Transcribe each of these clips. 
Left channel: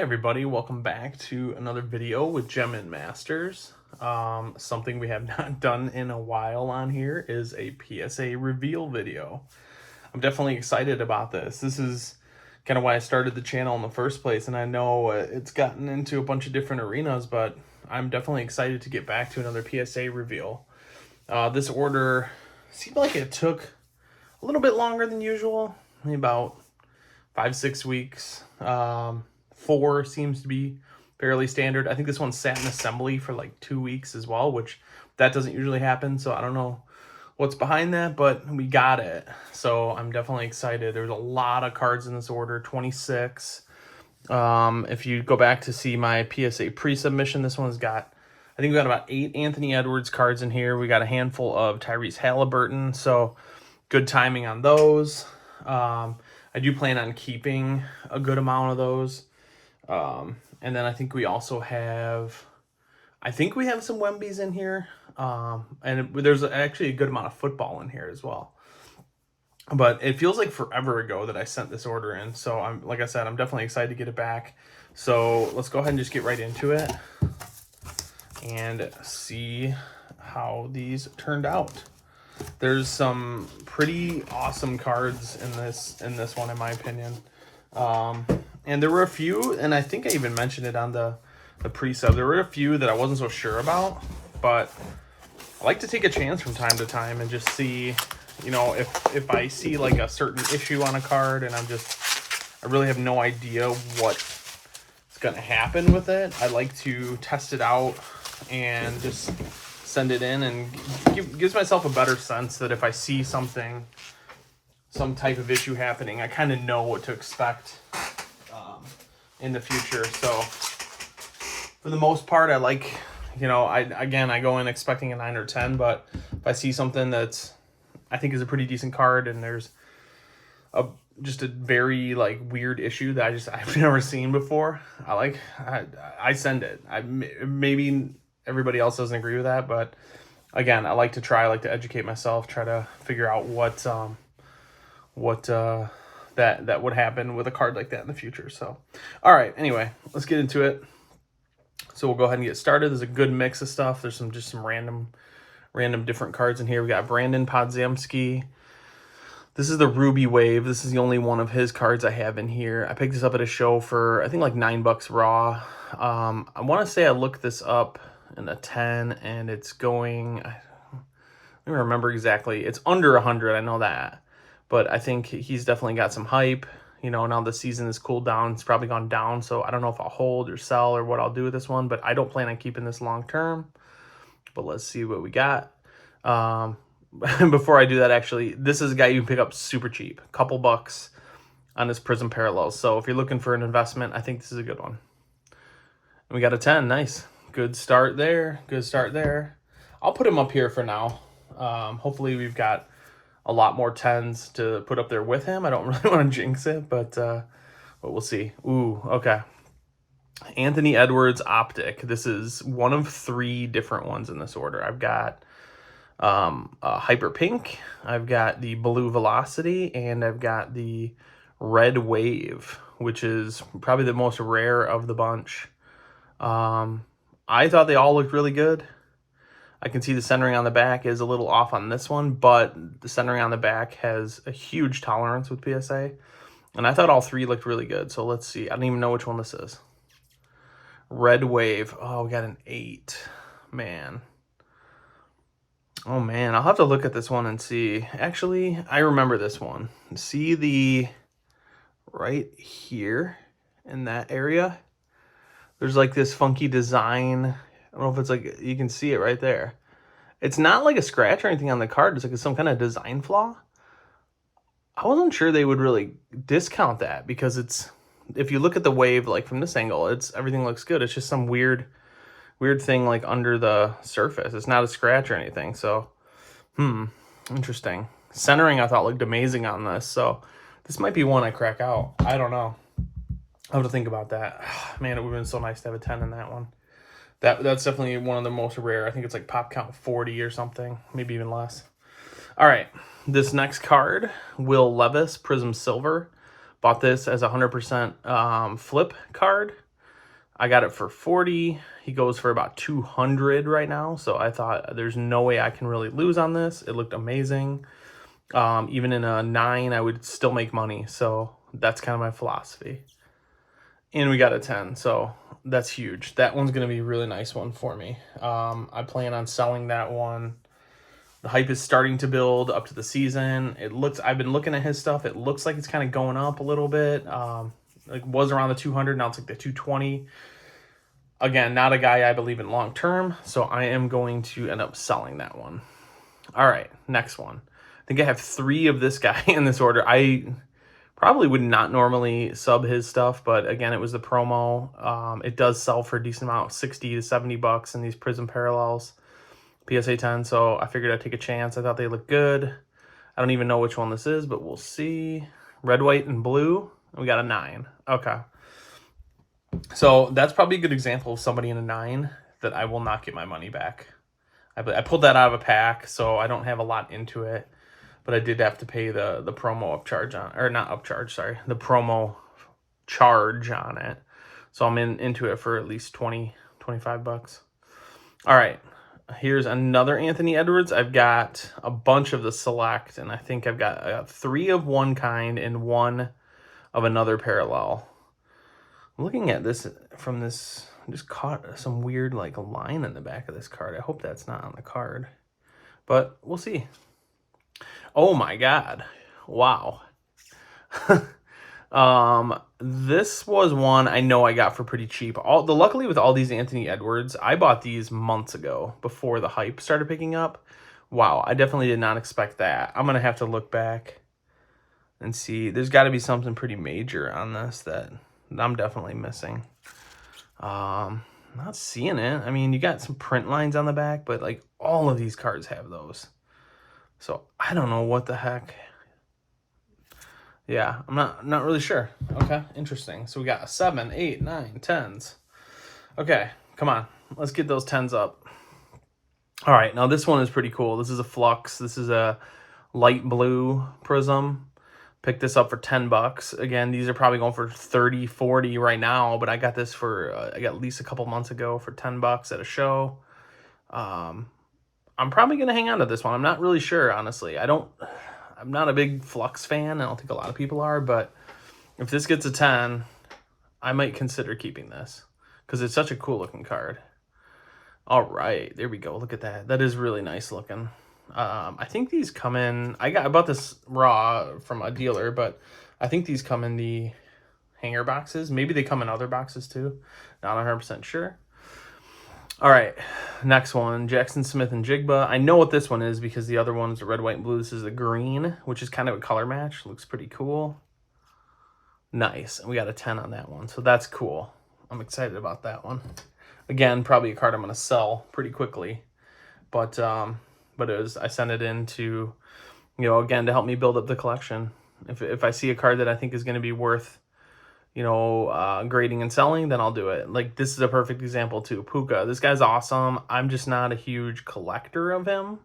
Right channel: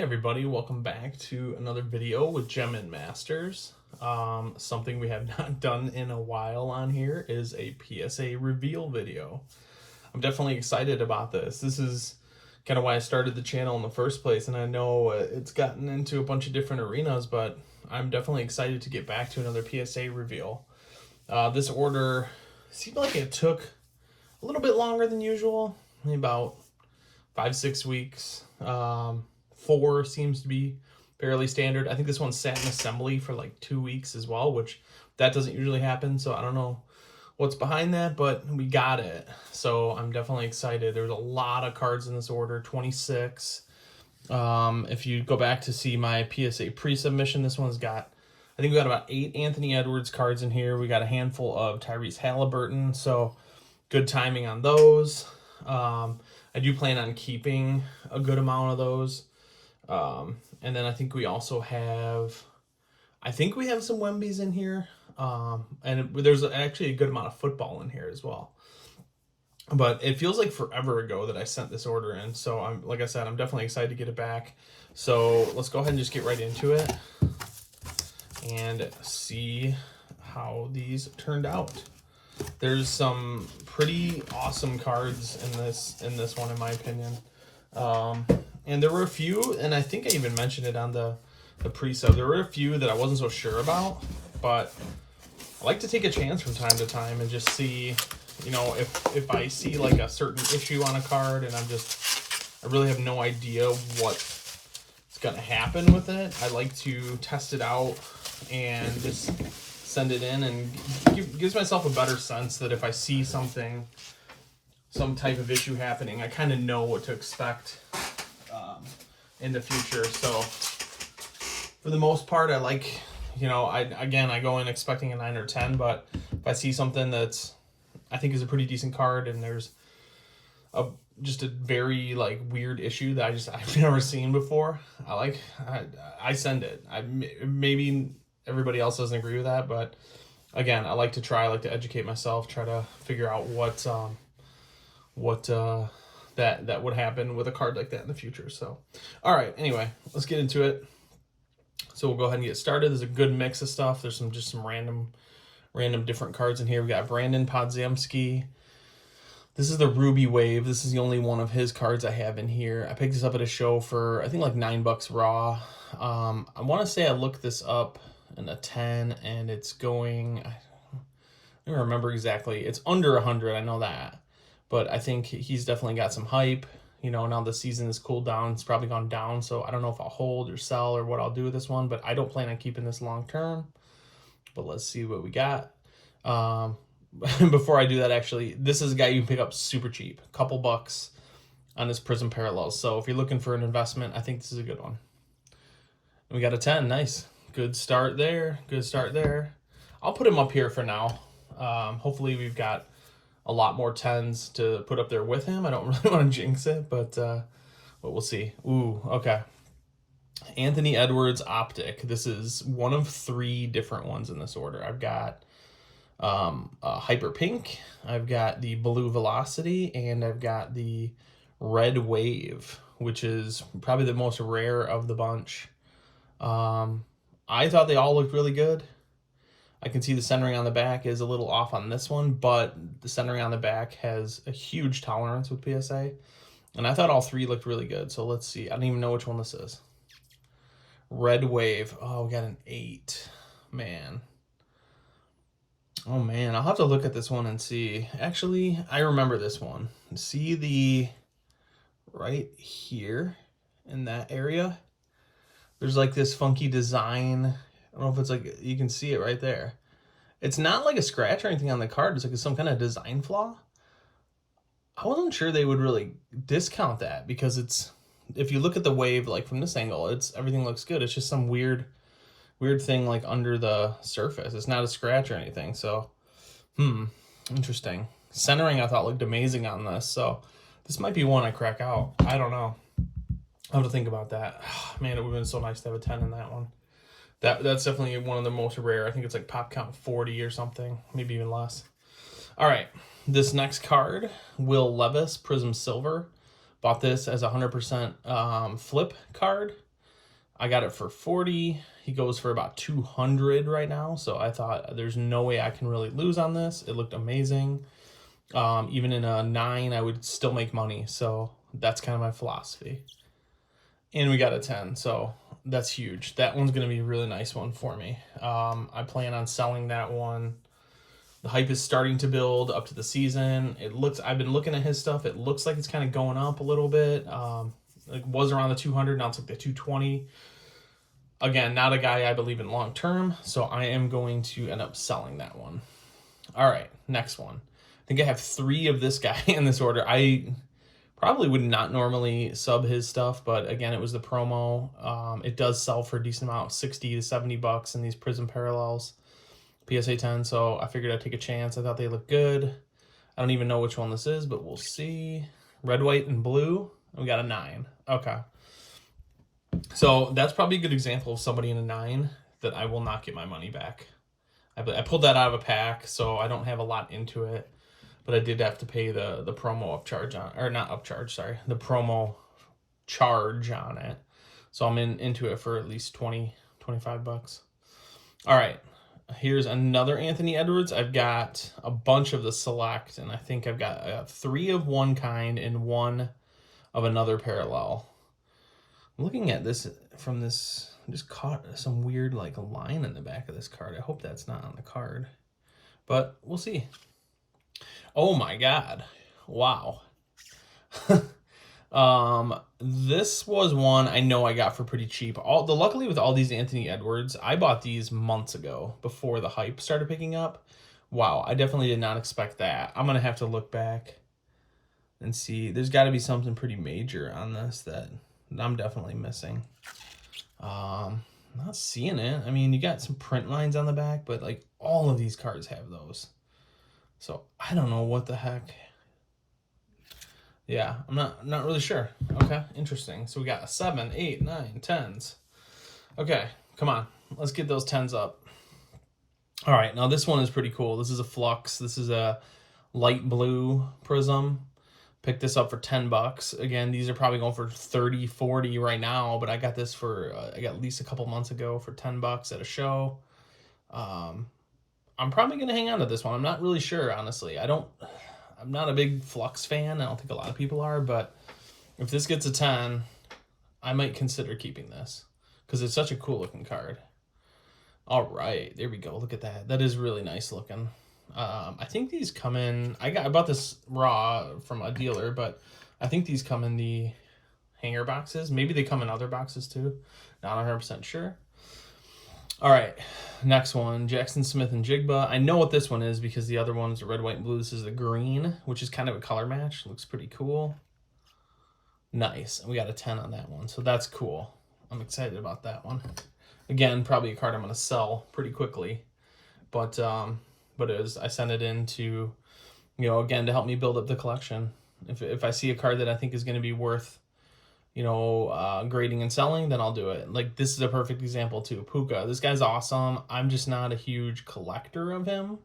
Hey everybody, welcome back to another video with Gem and Masters. Something we have not done in a while on here is a PSA Reveal video. I'm definitely excited about this. This is kind of why I started the channel in the first place, and I know it's gotten into a bunch of different arenas, but I'm definitely excited to get back to another PSA Reveal. This order seemed like it took a little bit longer than usual, maybe about 5-6 weeks. 4 seems to be fairly standard. I think this one sat in assembly for like 2 weeks as well, which that doesn't usually happen. So I don't know what's behind that, but we got it. So I'm definitely excited. There's a lot of cards in this order, 26. If you go back to see my PSA pre-submission, this one's got, I think we got about 8 Anthony Edwards cards in here. We got a handful of Tyrese Halliburton. So good timing on those. I do plan on keeping a good amount of those. And then I think we also have, some Wembies in here. And there's actually a good amount of football in here as well. But it feels like forever ago that I sent this order in. So like I said, I'm definitely excited to get it back. So let's go ahead and just get right into it and see how these turned out. There's some pretty awesome cards in this one, in my opinion. And there were a few, and I think I even mentioned it on the pre-sub, there were a few that I wasn't so sure about, but I like to take a chance from time to time and just see, you know, if I see like a certain issue on a card and I really have no idea what's going to happen with it. I like to test it out and just send it in, and gives myself a better sense that if I see some type of issue happening, I kind of know what to expect in the future. So for the most part, I like, you know, I go in expecting a 9 or 10, but if I see something that's I think is a pretty decent card and there's just a very like weird issue that I've never seen before, I send it. Maybe everybody else doesn't agree with that, but again, I like to educate myself, try to figure out what that would happen with a card like that in the future. So, all right, anyway, let's get into it. So we'll go ahead and get started. There's a good mix of stuff. There's some random different cards in here. We got Brandon Podziemski. This is the Ruby Wave. This is the only one of his cards I have in here. I picked this up at a show for, I think, like $9 raw. I want to say I looked this up in the 10, and it's going, I don't remember exactly. It's under 100, I know that. But I think he's definitely got some hype. You know, now the season has cooled down. It's probably gone down, so I don't know if I'll hold or sell or what I'll do with this one, but I don't plan on keeping this long term. But let's see what we got. Before I do that, actually, this is a guy you can pick up super cheap. A couple bucks on his Prism Parallels. So if you're looking for an investment, I think this is a good one. And we got a 10. Nice. Good start there. Good start there. I'll put him up here for now. Hopefully we've got a lot more 10s to put up there with him. I don't really want to jinx it, but we'll see. Ooh, okay. Anthony Edwards Optic. This is one of 3 different ones in this order. I've got Hyper Pink, I've got the Blue Velocity, and I've got the Red Wave, which is probably the most rare of the bunch. I thought they all looked really good. I can see the centering on the back is a little off on this one, but the centering on the back has a huge tolerance with PSA. And I thought all 3 looked really good. So let's see. I don't even know which one this is. Red Wave. Oh, we got an 8. Man. Oh, man. I'll have to look at this one and see. Actually, I remember this one. See the right here in that area? There's like this funky design. I don't know if it's like, you can see it right there. It's not like a scratch or anything on the card. It's like some kind of design flaw. I wasn't sure they would really discount that because it's, if you look at the wave like from this angle, everything looks good. It's just some weird thing like under the surface. It's not a scratch or anything. So, interesting. Centering I thought looked amazing on this. So this might be one I crack out. I don't know. I'll have to think about that. Man, it would have been so nice to have a 10 in that one. That's definitely one of the most rare. I think it's like pop count 40 or something, maybe even less. All right, this next card, Will Levis Prism Silver. Bought this as a 100% flip card. I got it for 40. He goes for about 200 right now. So I thought there's no way I can really lose on this. It looked amazing. Even in a 9, I would still make money. So that's kind of my philosophy. And we got a 10, so that's huge. That one's going to be a really nice one for me. I plan on selling that one. The hype is starting to build up to the season. I've been looking at his stuff. It looks like it's kind of going up a little bit. It was around the 200, now it's like the 220. Again, not a guy I believe in long term, so I am going to end up selling that one. All right, next one. I think I have 3 of this guy in this order. I probably would not normally sub his stuff, but again, it was the promo. It does sell for a decent amount, 60 to 70 bucks in these Prism Parallels, PSA 10, so I figured I'd take a chance. I thought they looked good. I don't even know which one this is, but we'll see. Red, white, and blue. We got a 9. Okay. So that's probably a good example of somebody in a 9 that I will not get my money back. I pulled that out of a pack, so I don't have a lot into it. But I did have to pay the promo upcharge on, or not upcharge, sorry, the promo charge on it. So I'm into it for at least 20, 25 bucks. All right, here's another Anthony Edwards. I've got a bunch of the select, and I think I've got 3 of one kind and 1 of another parallel. I'm looking at this from this, I just caught some weird like line in the back of this card. I hope that's not on the card, but we'll see. Oh my God. Wow. This was one I know I got for pretty cheap. Luckily with all these Anthony Edwards, I bought these months ago before the hype started picking up. Wow, I definitely did not expect that. I'm gonna have to look back and see. There's got to be something pretty major on this that I'm definitely missing. Not seeing it. I mean, you got some print lines on the back, but like all of these cards have those. So I don't know what the heck. Yeah, I'm not really sure. Okay, interesting. So we got a 7, 8, 9, 10s. Okay, come on. Let's get those 10s up. All right, now this one is pretty cool. This is a Flux. This is a light blue Prism. Picked this up for 10 bucks. Again, these are probably going for 30, 40 right now, but I got this for, I got at least a couple months ago for 10 bucks at a show. I'm probably going to hang on to this one. I'm not really sure, honestly. I'm not a big Flux fan. I don't think a lot of people are, but if this gets a 10, I might consider keeping this because it's such a cool looking card. All right, there we go. Look at that. That is really nice looking. I think these come in, I bought this raw from a dealer, but I think these come in the hanger boxes. Maybe they come in other boxes too. Not 100% sure. All right, next one, Jackson Smith and Jigba. I know what this one is because the other one's the red, white, and blue. This is the green, which is kind of a color match. Looks pretty cool. Nice. We got a 10 on that one, so that's cool. I'm excited about that one. Again, probably a card I'm going to sell pretty quickly, but I sent it in to, again, to help me build up the collection. If I see a card that I think is going to be worth, grading and selling, then I'll do it. Like this is a perfect example too. Puka, this guy's awesome. I'm just not a huge collector of him.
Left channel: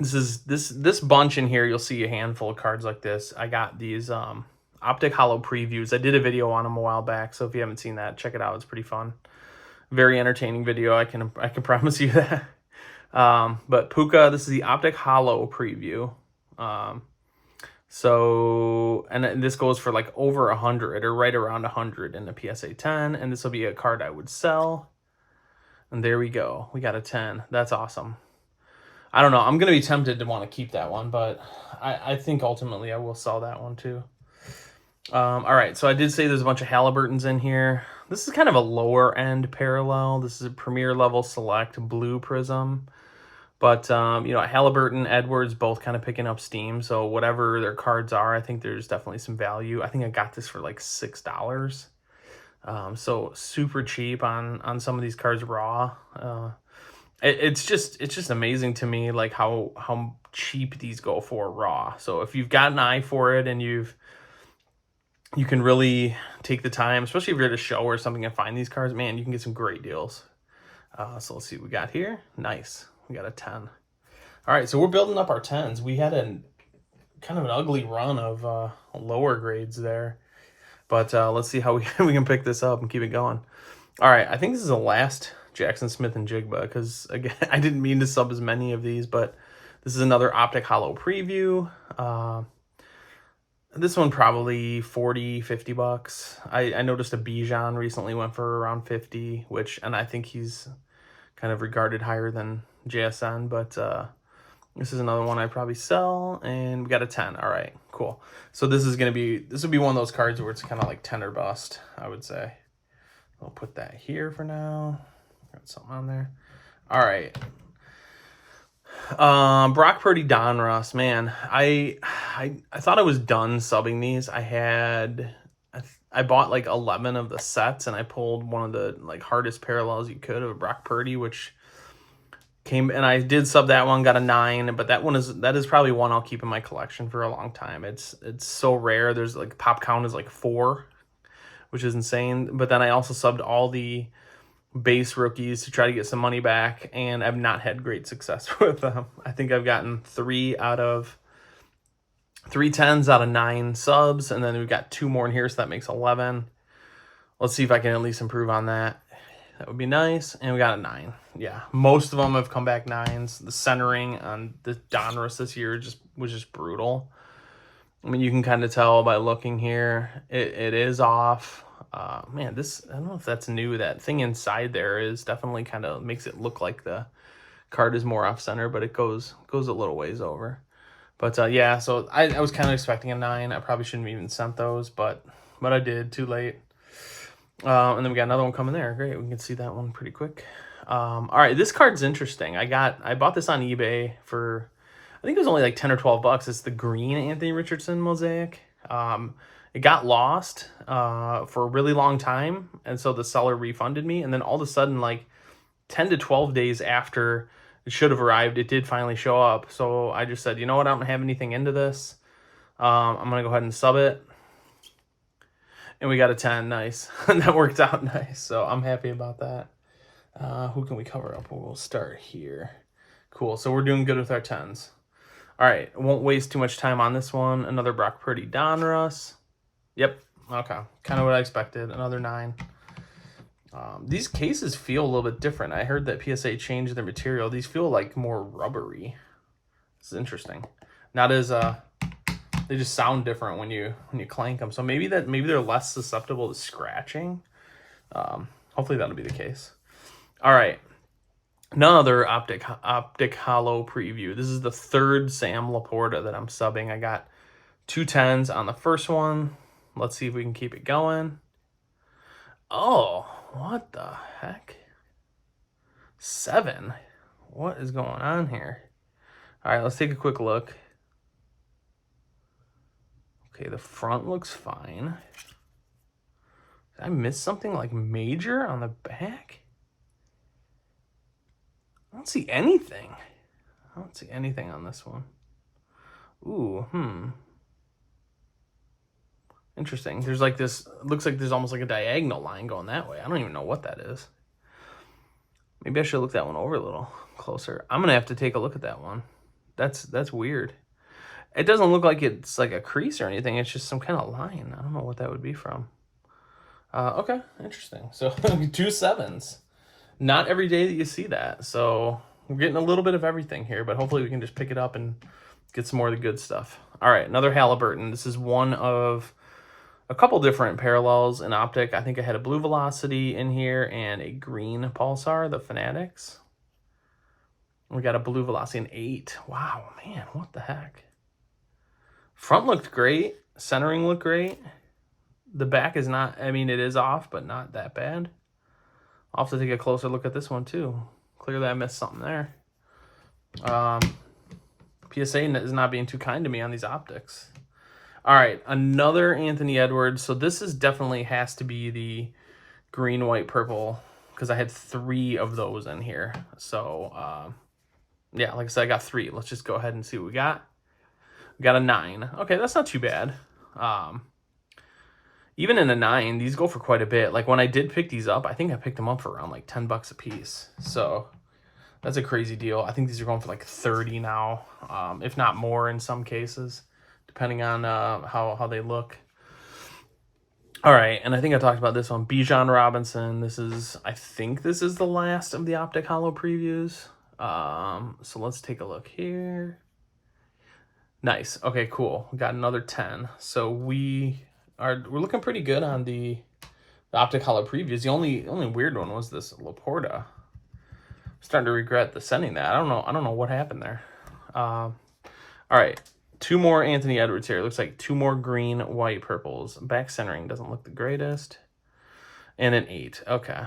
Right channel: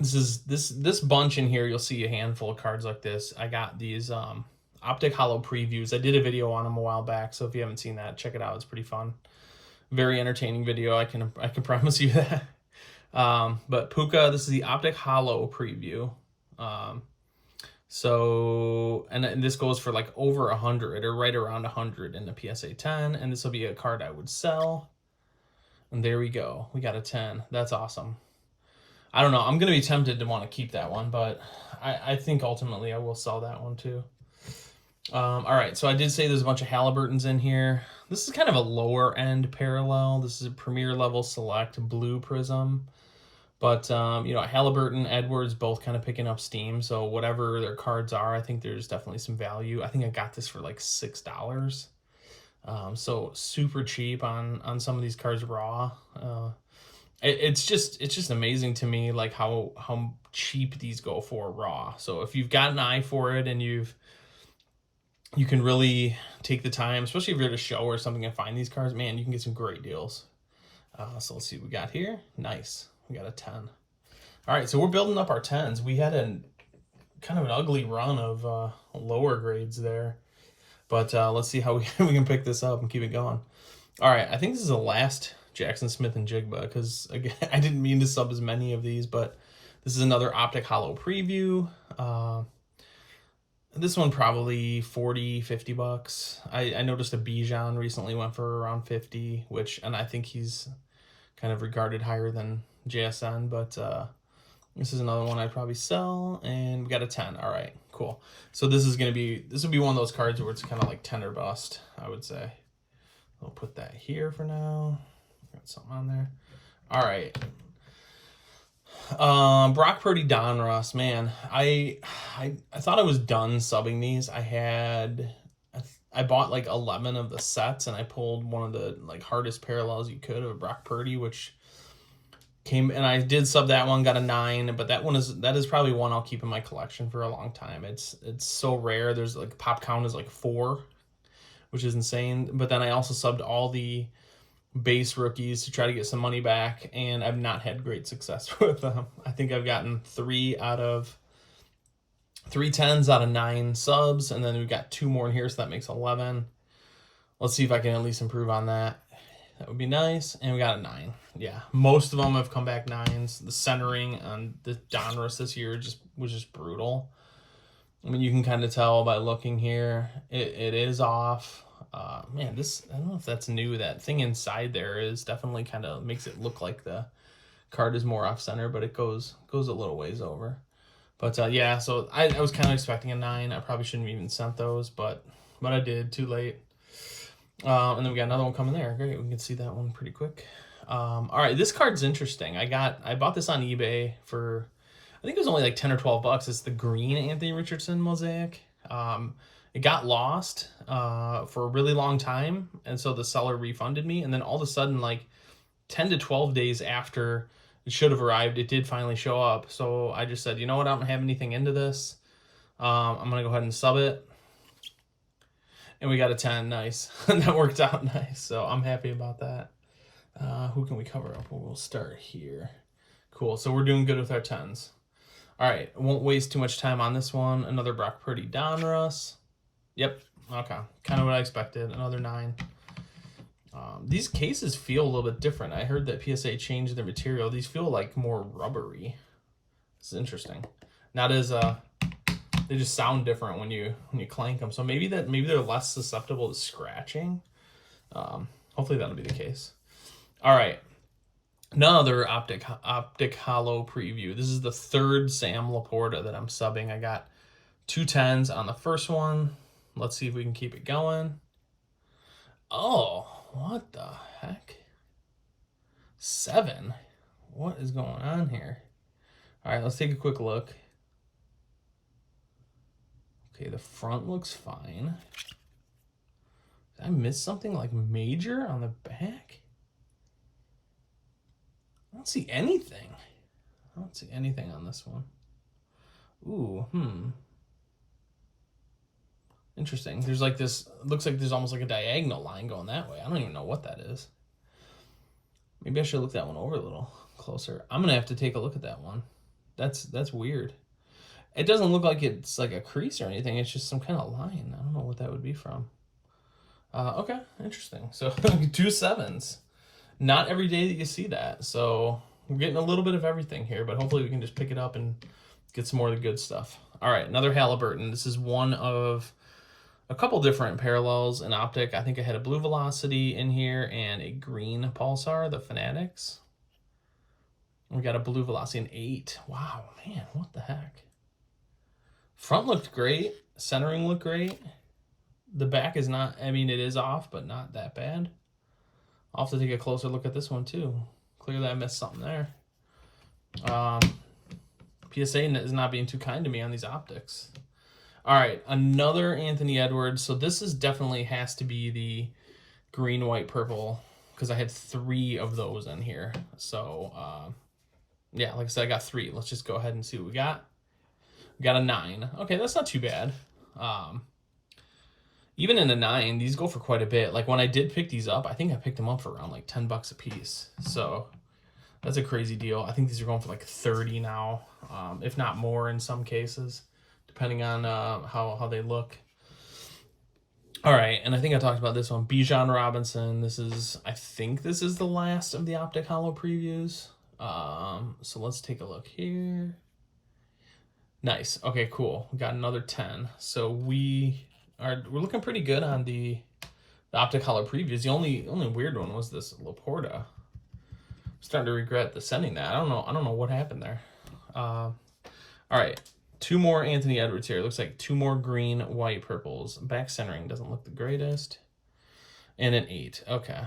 This bunch in here, you'll see a handful of cards like this. I got these Optic Hollow previews. I did a video on them a while back, so if you haven't seen that, check it out. It's pretty fun. Very entertaining video. I can promise you that. But Puka, this is the Optic Hollow preview. And this goes for like over 100 or right around 100 in the PSA 10. And this will be a card I would sell. And there we go. We got a 10. That's awesome. I don't know. I'm going to be tempted to want to keep that one, but I think ultimately I will sell that one too. All right. So I did say there's a bunch of Halliburtons in here. This is kind of a lower end parallel. This is a premier level select blue Prism. But, Halliburton, Edwards, both kind of picking up steam. So whatever their cards are, I think there's definitely some value. I think I got this for like $6. So super cheap on some of these cards raw. It's just amazing to me, like how cheap these go for raw. So if you've got an eye for it and you can really take the time, especially if you're at a show or something and find these cards, man, you can get some great deals. So let's see what we got here. Nice. We got a 10. All right, so we're building up our 10s. We had kind of an ugly run of lower grades there. But let's see how we can pick this up and keep it going. All right, I think this is the last Jackson Smith and Jigba, because again, I didn't mean to sub as many of these, but this is another Optic Hollow preview. This one probably 40, 50 bucks. I noticed a Bijan recently went for around 50, and I think he's kind of regarded higher than JSN, but this is another one I'd probably sell, and we got a 10. All right, cool. So this would be one of those cards where it's kind of like 10 or bust, I would say. I'll put that here for now. Got something on there. All right. Brock Purdy, Donruss, man. I thought I was done subbing these. I bought like 11 of the sets, and I pulled one of the like hardest parallels you could of Brock Purdy, which came, and I did sub that one, got a 9, but that is probably one I'll keep in my collection for a long time. It's so rare. There's like pop count is like 4, which is insane. But then I also subbed all the base rookies to try to get some money back, and I've not had great success with them. I think I've gotten 3 10s out of 9 subs, and then we've got 2 more in here, so that makes 11. Let's see if I can at least improve on that. That would be nice. And we got a 9. Yeah, most of them have come back 9s. The centering on the Donruss this year was just brutal. I mean, you can kind of tell by looking here. It is off. Man, I don't know if that's new. That thing inside there is definitely kind of makes it look like the card is more off center, but it goes a little ways over. But yeah, so I was kind of expecting a 9. I probably shouldn't have even sent those, but I did, too late. And then we got another one coming there. Great, we can see that one pretty quick. All right, this card's interesting. I bought this on eBay for, I think it was only like 10 or 12 bucks. It's the green Anthony Richardson mosaic. It got lost for a really long time, and so the seller refunded me, and then all of a sudden, like 10 to 12 days after it should have arrived, it did finally show up. So I just said, you know what, I don't have anything into this. I'm gonna go ahead and sub it, and we got a 10. Nice. That worked out nice, so I'm happy about that. Who can we cover up? We'll start here. Cool, so we're doing good with our 10s. All right, won't waste too much time on this one. Another Brock Purdy, Donruss. Yep, okay, kind of what I expected. Another 9. These cases feel a little bit different. I heard that PSA changed their material. These feel like more rubbery. This is interesting. Not as they just sound different when you clank them. So maybe they're less susceptible to scratching. Hopefully that'll be the case. All right. Another Optic Hollow preview. This is the 3rd Sam Laporta that I'm subbing. I got 2 10s on the first one. Let's see if we can keep it going. Oh, what the heck? 7. What is going on here? All right, let's take a quick look. Okay, the front looks fine. Did I miss something like major on the back? I don't see anything. I don't see anything on this one. Ooh, interesting. There's like this, looks like there's almost like a diagonal line going that way. I don't even know what that is. Maybe I should look that one over a little closer. I'm gonna have to take a look at that one. That's weird. It doesn't look like it's like a crease or anything. It's just some kind of line. I don't know what that would be from. Okay, interesting. So 2 7s. Not every day that you see that. So we're getting a little bit of everything here, but hopefully we can just pick it up and get some more of the good stuff. All right, another Halliburton. This is one of a couple different parallels in Optic. I think I had a blue Velocity in here and a green Pulsar, the Fanatics. We got a blue Velocity, an 8. Wow, man, what the heck? Front looked great. Centering looked great. The back is not, I mean, it is off, but not that bad. I'll have to take a closer look at this one, too. Clearly, I missed something there. PSA is not being too kind to me on these optics. All right, another Anthony Edwards. So this is definitely has to be the green, white, purple, because I had 3 of those in here. So, yeah, like I said, I got 3. Let's just go ahead and see what we got. We got a 9. Okay, that's not too bad. Even in a 9, these go for quite a bit. Like when I did pick these up, I think I picked them up for around like 10 bucks a piece. So that's a crazy deal. I think these are going for like 30 now, if not more in some cases, depending on how they look. All right, and I think I talked about this one. Bijan Robinson. I think this is the last of the Optic Holo previews. So let's take a look here. Nice. Okay, cool. We got another 10. So we're looking pretty good on the Optic Holo previews. The only weird one was this Laporta. I'm starting to regret the sending that. I don't know what happened there. All right. 2 more Anthony Edwards here. It looks like 2 more green, white, purples. Back centering doesn't look the greatest. And an 8. Okay.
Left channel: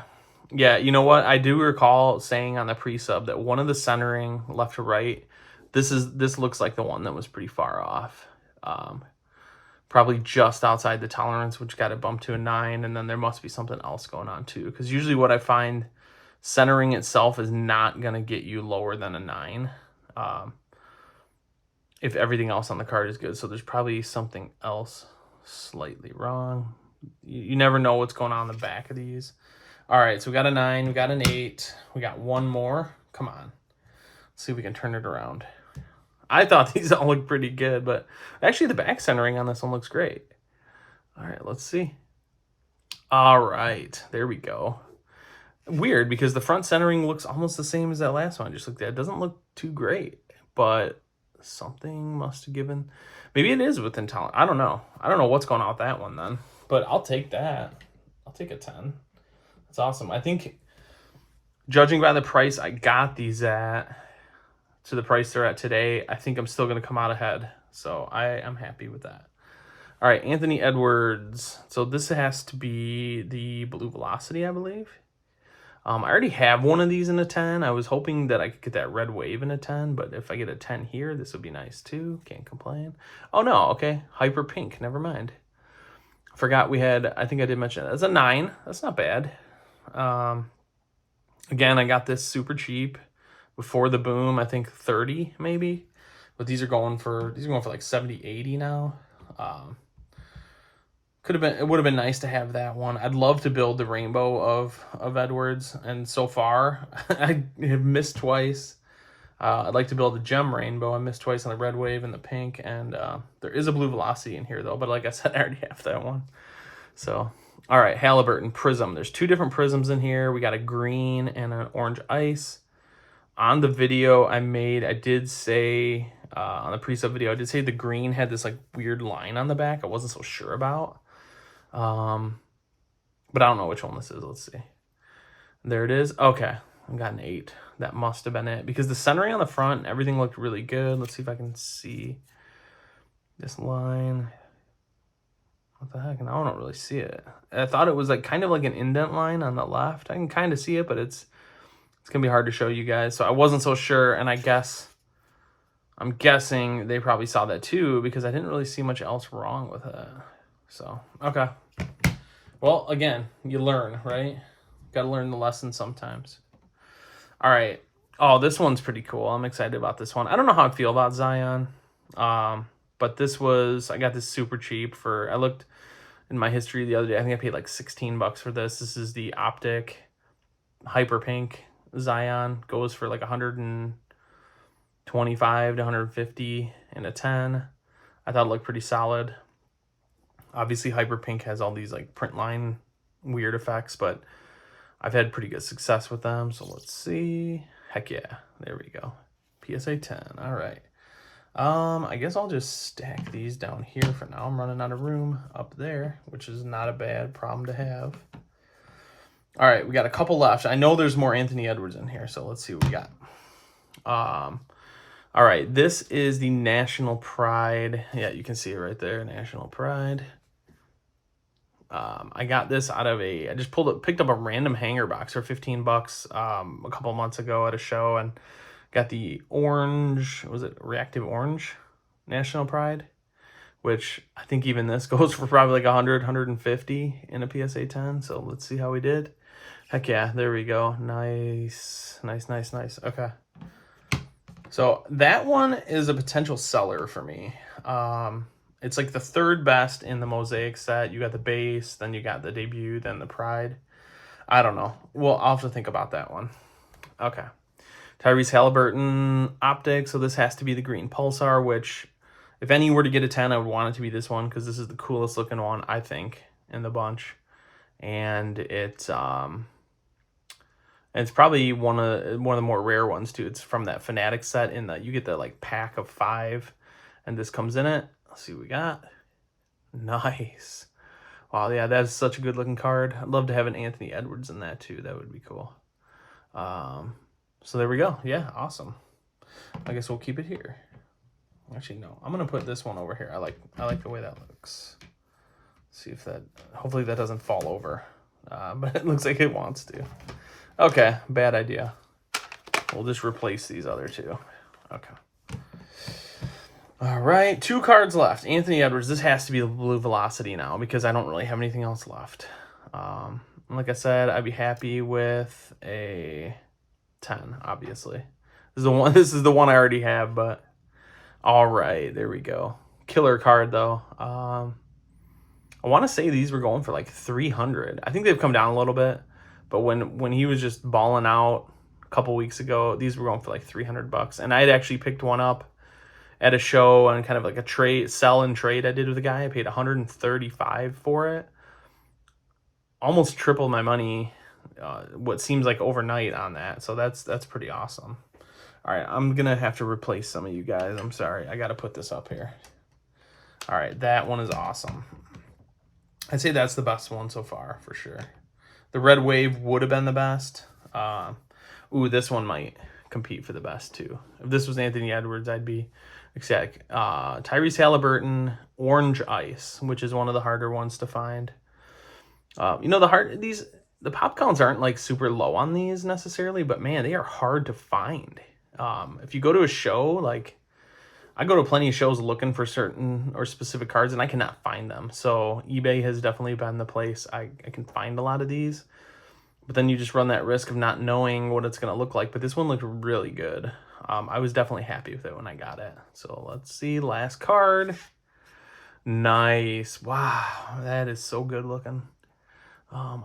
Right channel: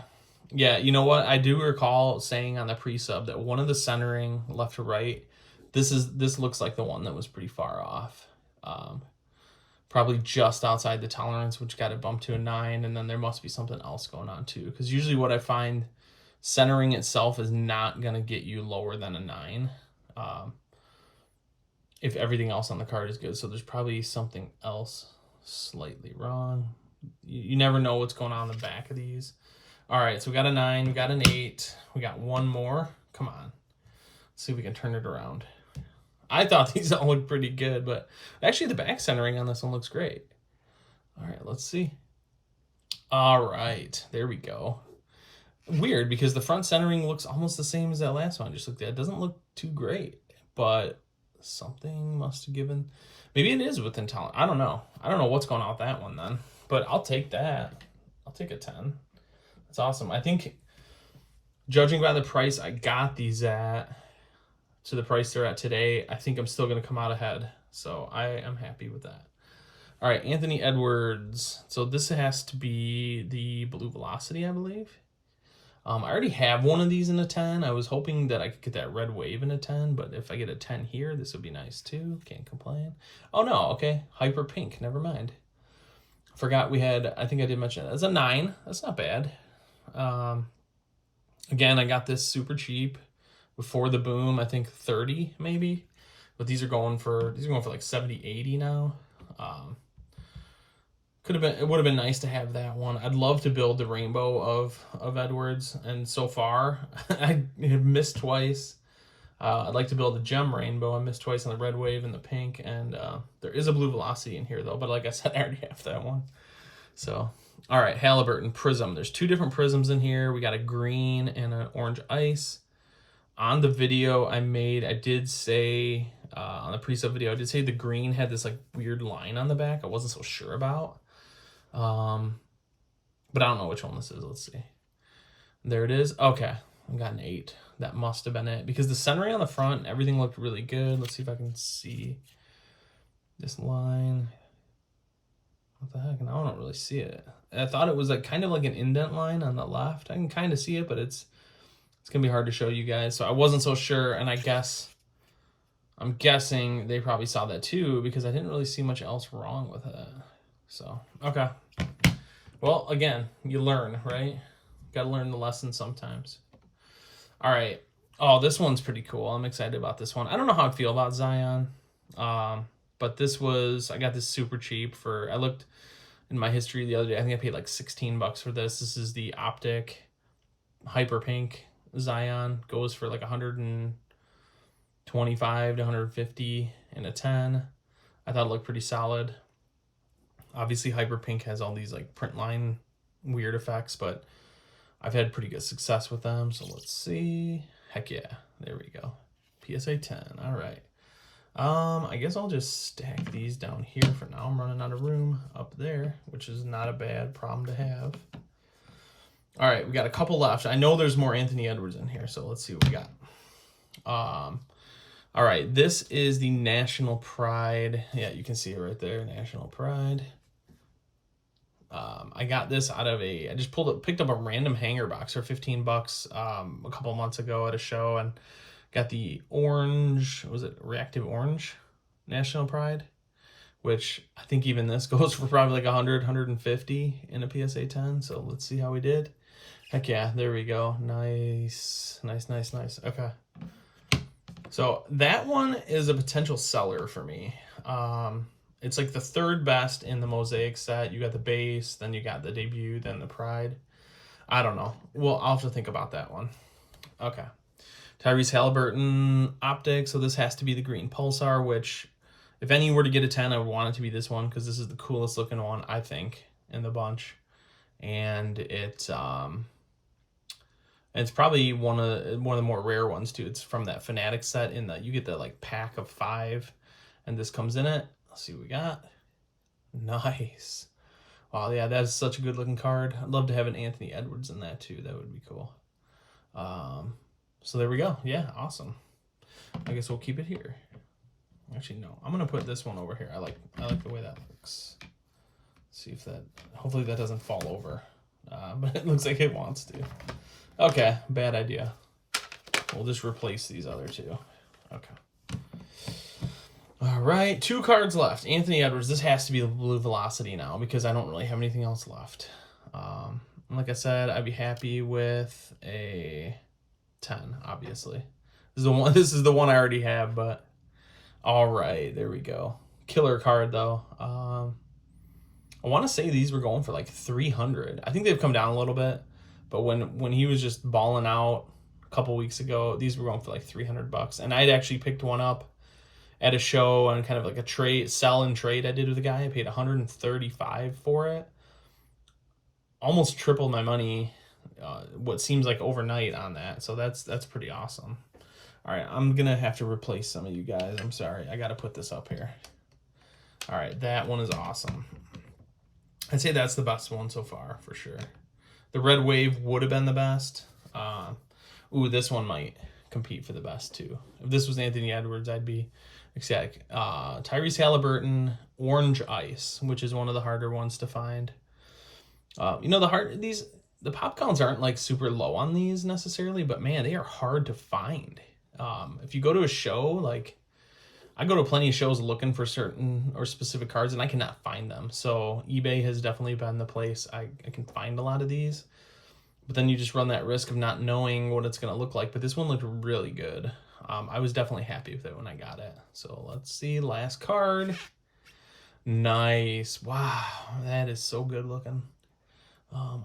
Yeah, you know what? I do recall saying on the pre-sub that one of the centering left to right, this looks like the one that was pretty far off. Probably just outside the tolerance, which got it bumped to a 9, and then there must be something else going on too. Because usually what I find, centering itself is not going to get you lower than a 9. If everything else on the card is good. So there's probably something else slightly wrong. You never know what's going on in the back of these. All right, so we got a 9, we got an 8, we got 1 more. Come on. Let's see if we can turn it around. I thought these all looked pretty good, but actually the back centering on this one looks great. All right, let's see. All right, there we go. Weird, because the front centering looks almost the same as that last one I just looked at. It doesn't look too great, but something must have given. Maybe it is within talent. I don't know. I don't know what's going on with that one then, but I'll take that. I'll take a 10. That's awesome. I think, judging by the price I got these at, to the price they're at today, I think I'm still going to come out ahead. So I am happy with that. All right, Anthony Edwards. So this has to be the Blue Velocity, I believe. I already have one of these in a 10. I was hoping that I could get that red wave in a 10, but if I get a 10 here, this would be nice too. Can't complain. Oh no, okay. Hyper pink, never mind. Forgot we had, I think I did mention that. That's a 9. That's not bad. Again, I got this super cheap before the boom, I think 30 maybe. But these are going for like 70, 80 now. It would have been nice to have that one. I'd love to build the rainbow of Edwards, and so far I have missed twice. I'd like to build a gem rainbow. I missed twice on the red wave and the pink, and there is a Blue Velocity in here though, but like I said, I already have that one. So, all right, Halliburton Prism. There's 2 different prisms in here. We got a green and an orange ice. On the video I made, I did say, on the pre-sub video, I did say the green had this like weird line on the back I wasn't so sure about. But I don't know which one this is. Let's see. There it is. Okay, I got an 8. That must have been it, because the centering on the front and everything looked really good. Let's see if I can see this line. What the heck? Now I don't really see it. I thought it was like kind of like an indent line on the left. I can kind of see it, but it's gonna be hard to show you guys. So I wasn't so sure, and I'm guessing they probably saw that too, because I didn't really see much else wrong with it. So, okay. Well, again, you learn, right? Got to learn the lesson sometimes. All right. Oh, this one's pretty cool. I'm excited about this one. I don't know how I feel about Zion. But I got this super cheap I looked in my history the other day. I think I paid like $16 for this. This is the Optic Hyper Pink Zion. Goes for like 125 to 150 in a 10. I thought it looked pretty solid. Obviously, Hyper Pink has all these like print line weird effects, but I've had pretty good success with them. So let's see. Heck yeah. There we go. PSA 10. All right. I guess I'll just stack these down here for now. I'm running out of room up there, which is not a bad problem to have. All right, we got a couple left. I know there's more Anthony Edwards in here, so let's see what we got. All right, this is the National Pride. Yeah, you can see it right there, National Pride. I got this out of I just picked up a random hanger box for $15 a couple months ago at a show, and got the orange, was it Reactive Orange National Pride, which I think even this goes for probably like 100, 150 in a PSA 10. So let's see how we did. Heck yeah, there we go. Nice, nice, nice, nice. Okay. So that one is a potential seller for me. It's like the 3rd best in the Mosaic set. You got the base, then you got the debut, then the Pride. I don't know. Well, I'll have to think about that one. Okay. Tyrese Halliburton Optic. So this has to be the green Pulsar, which if any were to get a 10, I would want it to be this one, because this is the coolest looking one, I think. in the bunch, and it's probably one of the more rare ones too. It's from that Fanatic set in the, you get the like pack of 5, and this comes in it. Let's see what we got. Nice. Wow, yeah, that is such a good looking card. I'd love to have an Anthony Edwards in that too. That would be cool. So there we go. Yeah, awesome. I guess we'll keep it here. Actually, no. I'm gonna put this one over here. I like the way that looks. See if that, hopefully that doesn't fall over. But it looks like it wants to. Okay, bad idea. We'll just replace these other two. Okay. All right, 2 cards left. Anthony Edwards. This has to be the Blue Velocity now because I don't really have anything else left. Like I said, I'd be happy with a 10, obviously. This is the one I already have, but all right, there we go. Killer card though. I want to say these were going for like 300. I think they've come down a little bit, but when he was just balling out a couple weeks ago, these were going for like $300. And I had actually picked one up at a show on kind of like a sell and trade I did with a guy. I paid $135 for it. Almost triple my money, what seems like overnight on that. So that's pretty awesome. All right, I'm going to have to replace some of you guys. I'm sorry. I got to put this up here. All right, that one is awesome. I'd say that's the best one so far, for sure. The Red Wave would have been the best. Ooh, this one might compete for the best, too. If this was Anthony Edwards, I'd be ecstatic. Tyrese Halliburton, Orange Ice, which is one of the harder ones to find. You know, the pop counts aren't like super low on these necessarily, but man, they are hard to find. If you go to a show, like I go to plenty of shows looking for certain or specific cards and I cannot find them. So eBay has definitely been the place I can find a lot of these, but then you just run that risk of not knowing what it's going to look like. But this one looked really good. I was definitely happy with it when I got it. So let's see, last card. Nice. Wow, that is so good looking.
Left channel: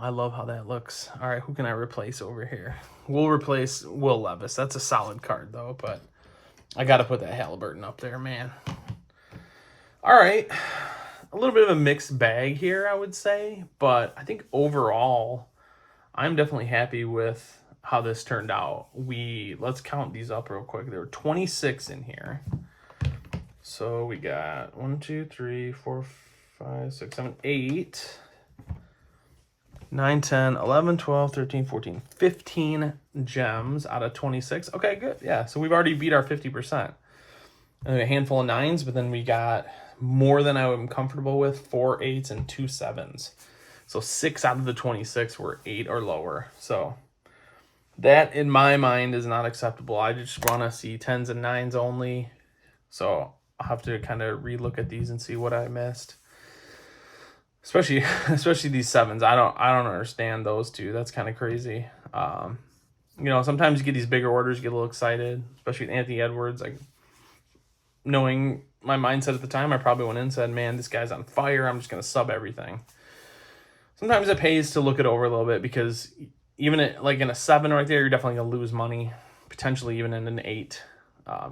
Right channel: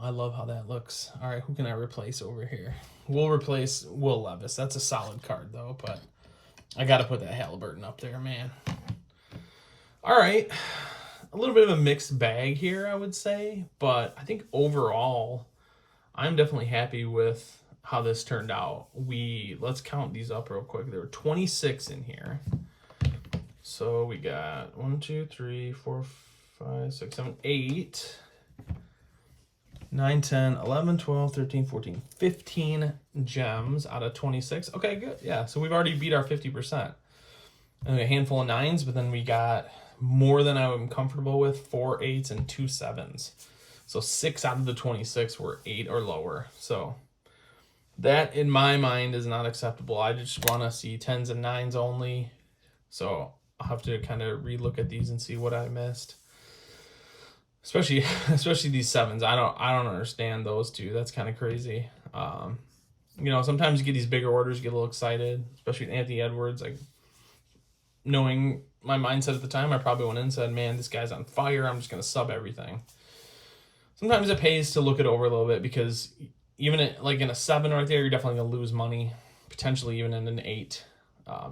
I love how that looks. All right, who can I replace over here? We'll replace Will Levis. That's a solid card, though, but I got to put that Halliburton up there, man. All right, a little bit of a mixed bag here, I would say, but I think overall, I'm definitely happy with how this turned out. Let's count these up real quick. There were 26 in here. So we got 1, 2, 3, 4, 5, 6, 7, 8... 9, 10, 11, 12, 13, 14, 15 gems out of 26. Okay, good. Yeah, so we've already beat our 50%. And a handful of 9s, but then we got more than I'm comfortable with, 4 8s and 2 7s. So 6 out of the 26 were 8 or lower. So that, in my mind, is not acceptable. I just want to see 10s and 9s only. So I'll have to kind of relook at these and see what I missed. Especially these 7s. I don't understand those two. That's kind of crazy. You know, sometimes you get these bigger orders, you get a little excited, especially with Anthony Edwards. Like, knowing my mindset at the time, I probably went in and said, man, this guy's on fire. I'm just going to sub everything. Sometimes it pays to look it over a little bit because even in a 7 right there, you're definitely going to lose money, potentially even in an 8.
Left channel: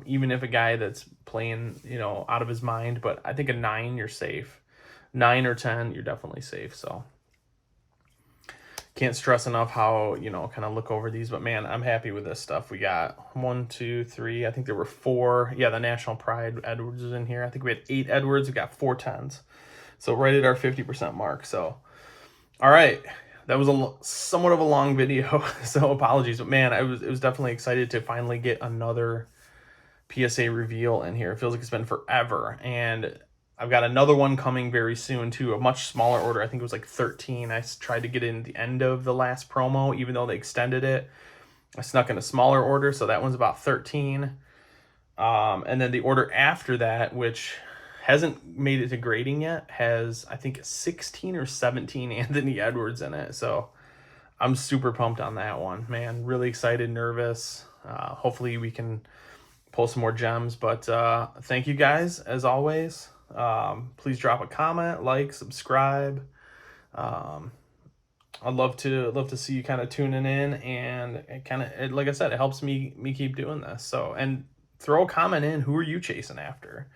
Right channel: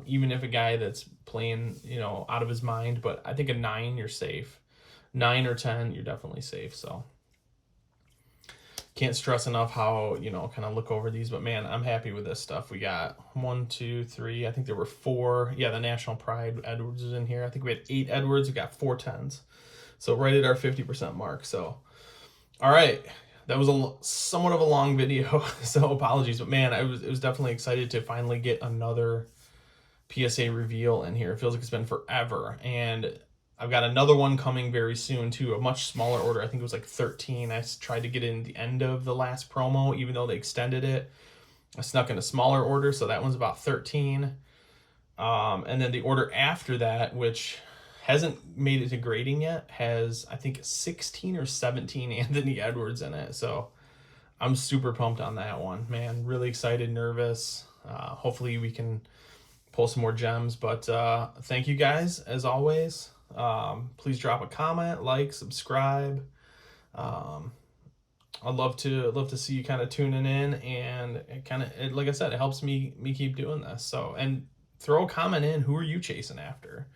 Even if a guy that's playing, you know, out of his mind. But I think a 9, you're safe. 9 or 10, you're definitely safe. So can't stress enough how, you know, kind of look over these. But man, I'm happy with this stuff. We got 1, 2, 3. I think there were 4. Yeah, the National Pride Edwards was in here. I think we had 8 Edwards. We got 4 10s. So right at our 50% mark. So, all right. That was somewhat of a long video, so apologies. But man, it was definitely excited to finally get another PSA reveal in here. It feels like it's been forever. And I've got another one coming very soon, too, a much smaller order. I think it was like 13. I tried to get in the end of the last promo, even though they extended it. I snuck in a smaller order, so that one's about 13. And then the order after that, which hasn't made it to grading yet, has, I think, 16 or 17 Anthony Edwards in it. So I'm super pumped on that one, man. Really excited, nervous. Hopefully we can pull some more gems. But thank you guys, as always. Please drop a comment, like, subscribe. I'd love to see you kind of tuning in, and it like I said, it helps me keep doing this. So, and throw a comment in, who are you chasing after?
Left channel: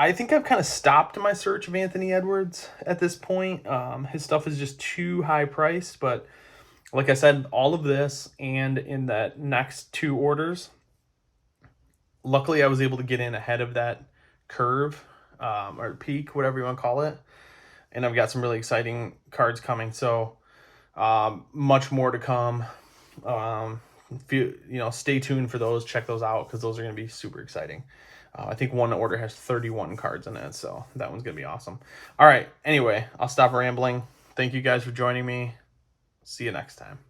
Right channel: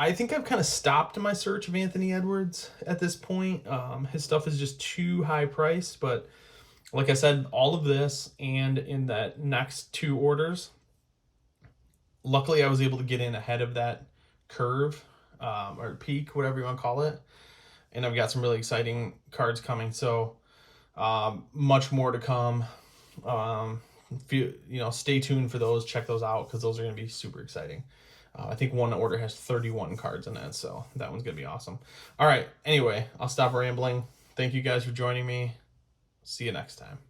I think I've kind of stopped my search of Anthony Edwards at this point. His stuff is just too high priced, but like I said, all of this and in that next 2 orders, luckily I was able to get in ahead of that curve, or peak, whatever you want to call it. And I've got some really exciting cards coming. So much more to come. Stay tuned for those. Check those out because those are going to be super exciting. I think one order has 31 cards in it, so that one's going to be awesome. All right. Anyway, I'll stop rambling. Thank you guys for joining me. See you next time.